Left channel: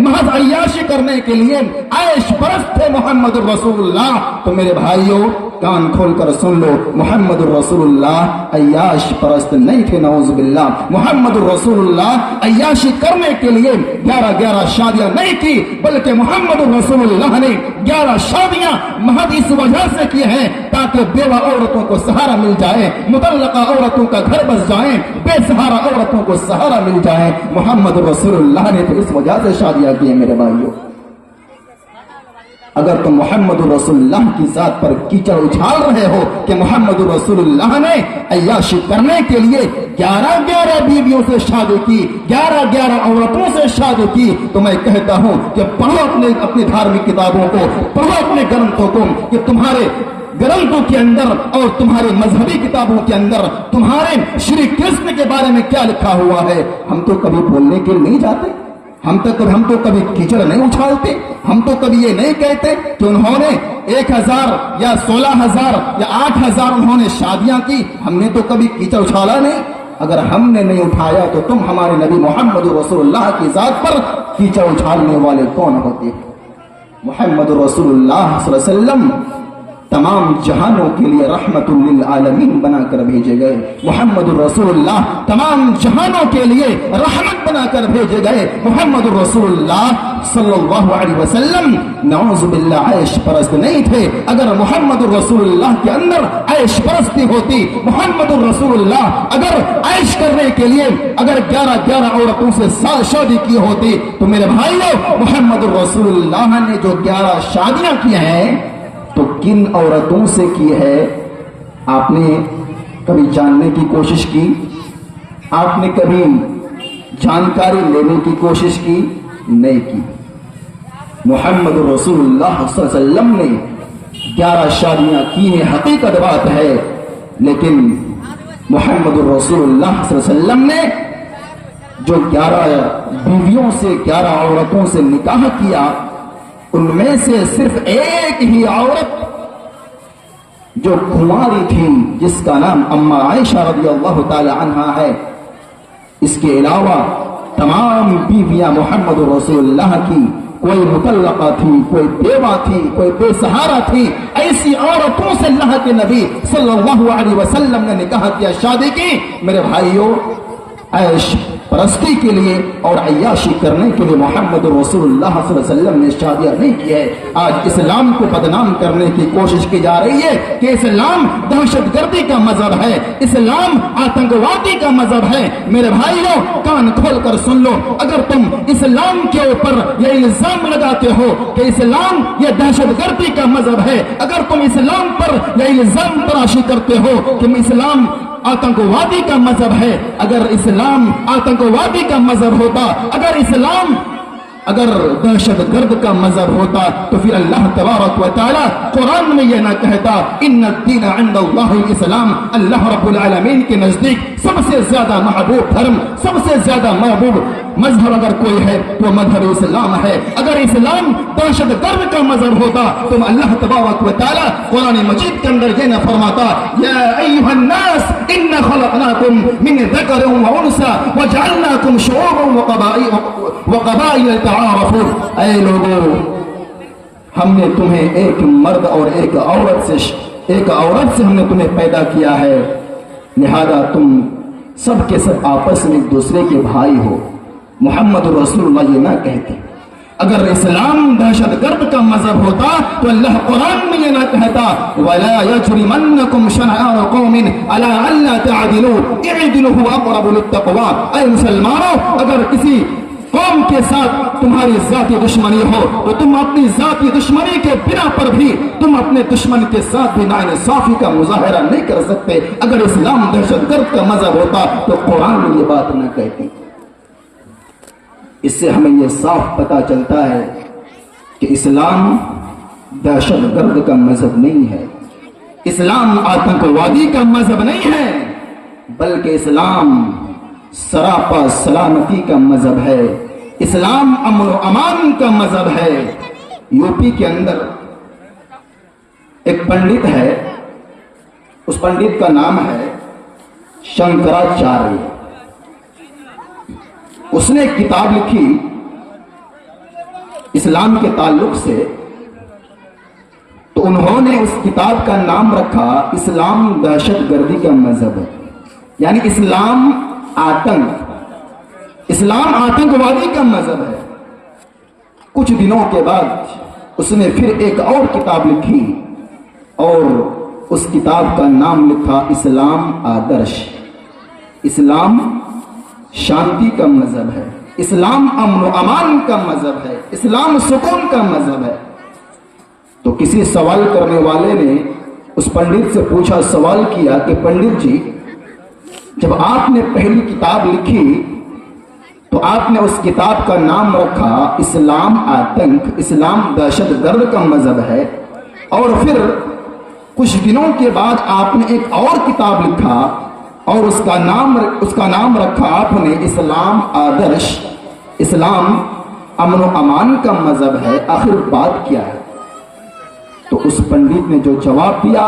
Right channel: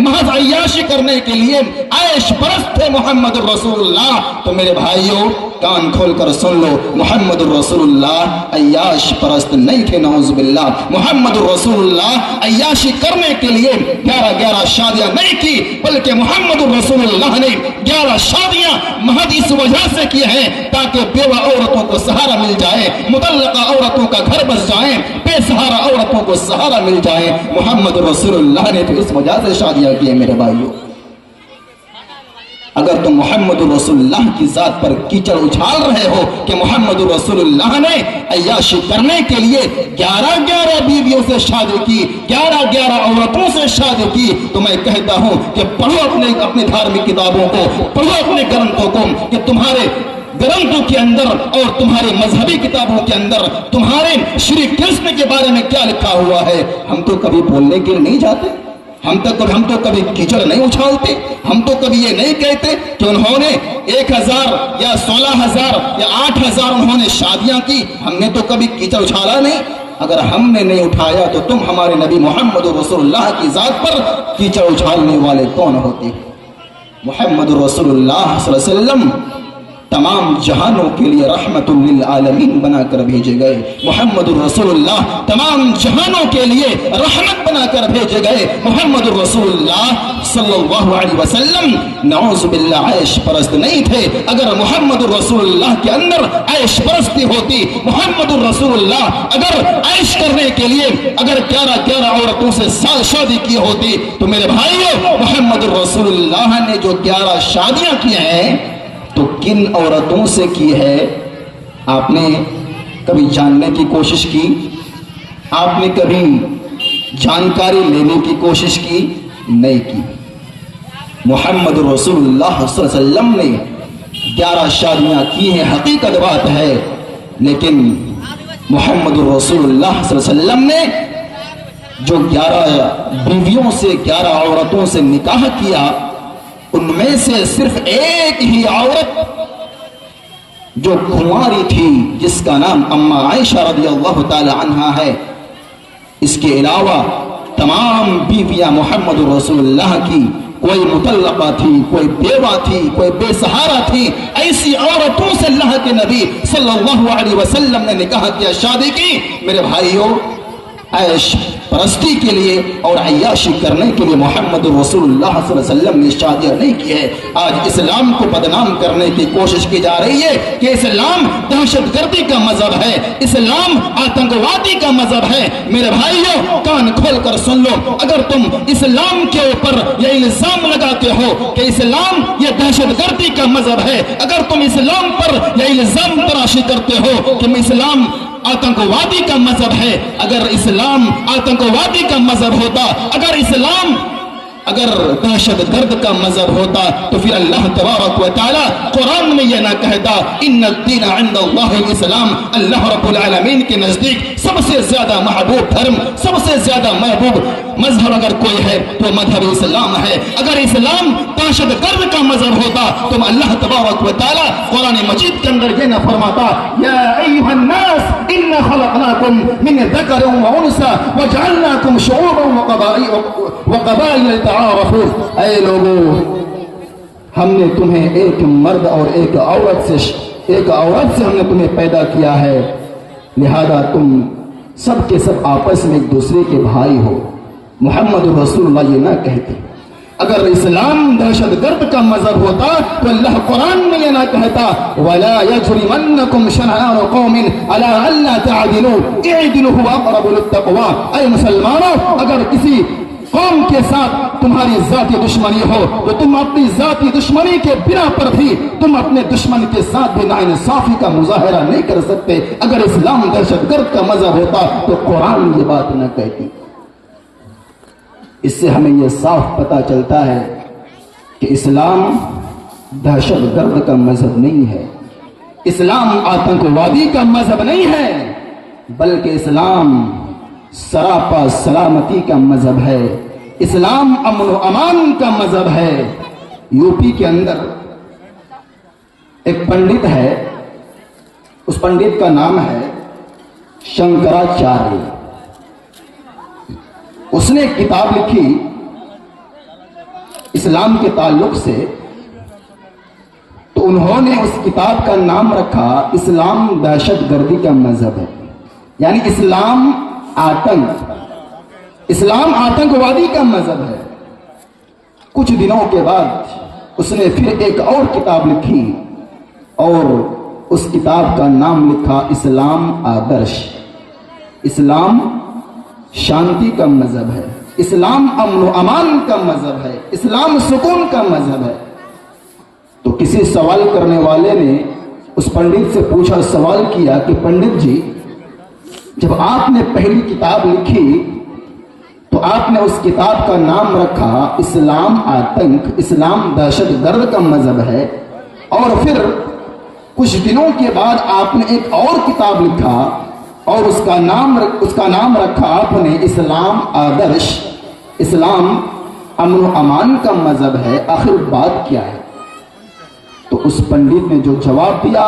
महज अय्याशी करने के लिए ऐश परस्त थे मोहम्मद रसूलुल्लाह। तो मेरे भाइयों कान खोल कर सुन लो, मोहम्मद रसूलुल्लाह अय्याश परस्त नहीं थे, नऊज़ बिल्लाह। मोहम्मद रसूलुल्लाह अय्याशी करने के लिए 11 शादियां नहीं की, बल्कि मोहम्मद रसूलुल्लाह ने 11 शादियां महज इस वजह से की हैं ताकि बेवा औरतों को सहारा मिल जाए, मुतल्लका औरतों का घर बस जाए, बेसहारा औरतों को सहारा मिल जाए। मोहम्मद रसूलुल्लाह ने तो इस वजह से शादियां की है मेरे भाइयों। अगर तुम मोहम्मद रसूलुल्लाह की जात पर कीचड़ उछाल रहे हो कि मोहम्मद रसूलुल्लाह ने अय्याशी करने के लिए 11 बीवियों से शादी की, 11 औरतों से शादी की, तो मैं कहता हूं कि पढ़ो अपने धार्मिक किताबों को, पढ़ो अपने ग्रंथों को कि तुम्हारे ग्रंथों के अंदर और तुम्हारी मजहबी किताबों के अंदर तुम्हारे श्री कृष्ण के बारे में क्या लिखा हुआ है। हम तो कभी बोलने के लिए नहीं जाते, हम तो कभी कीचड़ नहीं उछालते, हम तो कभी ये नहीं कहते कि उन्होंने 1000 या 16,000 या 8,000 उन्होंने शादियां की, हमने तो कभी कीचड़ उछाला नहीं। अगर हमने नहीं उठाया तो तुम हमारे नबी मोहम्मद रसूलुल्लाह की जात पर कीचड़ उछालने वाले कौन होते? मोहम्मद रसूलुल्लाह सल्लल्लाहु अलैहि वसल्लम तमाम जहानों के लिए रहमतुल लिल आलमीन बनाकर भेजे गए। मोहम्मद रसूलुल्लाह तमाम जहानों के लिए रहमत बनाकर भेजे गए। मोहम्मद रसूलुल्लाह सल्लल्लाहु अलैहि वसल्लम नऊज़ बिल्लाह ऐश परस्त नहीं थे। अगर मोहम्मद रसूलुल्लाह के अंदर ऐश परस्ती होती, मोहम्मद रसूलुल्लाह अगर ऐश करने के लिए अगर 11 औरतों से शादी की होती, तो मेरे भाइयों मोहम्मद रसूलुल्लाह ने जो 11 शादियां की हैं तो किन औरतों से की है? आपने कभी जानने की कोशिश की? आपने कभी जानकारी लेने की कोशिश की? नहीं की। मोहम्मद रसूलुल्लाह सल्लल्लाहु अलैहि वसल्लम ने 11 शादियां की हैं, हकीकत बात है, लेकिन मोहम्मद रसूलुल्लाह सल्लल्लाहु अलैहि वसल्लम ने जो 11 बीवियों से 11 औरतों से निकाह किया, उनमें से सिर्फ एक ही औरत जो कुंवारी थी जिसका नाम अम्मा आयशा रज़ियल्लाहु ताला अन्हा है, इसके अलावा तमाम बीवियां मोहम्मद रसूलुल्लाह की कोई मुतल्लका थी, कोई बेवा थी, कोई बेसहारा थी। ऐसी औरतों से अल्लाह के नबी सल्लल्लाहु अलैहि वसल्लम ने निकाह किया, शादी की। मेरे भाइयों ऐश परस्ती के लिए और अय्याशी करने के लिए मोहम्मद रसूलुल्लाह सल्लल्लाहु अलैहि वसल्लम ने शादियां नहीं की है। आज इस्लाम को बदनाम करने की कोशिश की जा रही है कि इस्लाम दहशतगर्दी का मजहब है, इस्लाम आतंकवादी का मजहब है। मेरे भाइयों कान खोल कर सुन लो, अगर तुम इस्लाम के ऊपर यह इल्जाम लगाते हो कि इस्लाम यह दहशतगर्दी का मजहब है, अगर तुम इस्लाम पर यह इल्जाम तराशी करते हो कि इस्लाम आतंकवादी का मजहब है, अगर इस्लाम आतंकवादी का मजहब होता, अगर दहशत गर्द का मजहब होता, तो फिर अल्लाह तबारक व तआला कुरान में यह ना कहता इन्ना दीन इंदल्लाहिल इस्लाम। अल्लाह रब्बुल आलमीन के नजदीक सबसे ज्यादा महबूब धर्म, सबसे ज्यादा महबूब मजहब अगर कोई है तो मजहब इस्लाम है। अगर इस्लाम दहशत गर्द का मजहब होता तो अल्लाह तबारक व तआला कुरान मजीद के अंदर ये ना फरमाता या अय्युहन नास इन्ना खलकनाकुम मिन ज़करिन व उनसा व जअलनाकुम शुऊबन व क़बाइल तआरफू। ऐ लोगों, हमने तुम्हें एक मर्द और एक औरत से हमने तुम्हें पैदा किया है, लिहाजा तुम सब के सब आपस में एक दूसरे के भाई हो। मोहम्मद रसूलुल्लाह ये ना कहते। अगर इस्लाम दहशतगर्द का मजहब होता तो अल्लाह कुरान में ये ना कहता वला यजरिमन्नकुम शनआन कौमिन अला अल्ला तअदिलू इअदिलू हुवा अक़रबु लित्तक़वा। ऐ मुसलमानों, अगर किसी कौम के साथ तुम्हारी जाती दुश्मनी हो तो तुम अपनी जाती दुश्मनी के बिना पर भी तुम अपने दुश्मन के साथ भी नाइंसाफी का मुजाहरा नहीं कर सकते। अगर इस्लाम दहशतगर्द का मजहब होता तो कुरान में ये बात न कहती। इससे हमें यह साफ पता चलता है कि इस्लाम दहशतगर्द का मजहब नहीं है, इस्लाम आतंकवादी का मजहब नहीं है, बल्कि इस्लाम सरापा सलामती का मजहब है, इस्लाम अमन अमान का मजहब है। यूपी के अंदर एक पंडित है, उस पंडित का नाम है शंकराचार्य। उसने एक किताब लिखी اسلام کے تعلق سے، تو انہوں نے اس کتاب کا نام رکھا اسلام دہشت گردی کا مذہب ہے، یعنی اسلام آتنکوادی کا مذہب ہے۔ کچھ دنوں کے بعد اس نے پھر ایک اور کتاب لکھی اور اس کتاب کا نام لکھا اسلام آدرش۔ اسلام شانتی کا مذہب ہے، اسلام امن و امان کا مذہب ہے، اسلام سکون کا مذہب ہے۔ تو کسی سوال کرنے والے نے اس پنڈت سے پوچھا، سوال کیا کہ پنڈت جی، جب آپ نے پہلی کتاب لکھی تو آپ نے اس کتاب کا نام رکھا اسلام آتنک، اسلام دہشت گرد کا مذہب ہے، اور پھر کچھ دنوں کے بعد آپ نے ایک اور کتاب لکھا اور اس کا نام رکھا آپ نے اسلام آدرش، اسلام امن و امان کا مذہب ہے، آخر بات کیا ہے؟ تو اس پنڈت نے جو جواب دیا،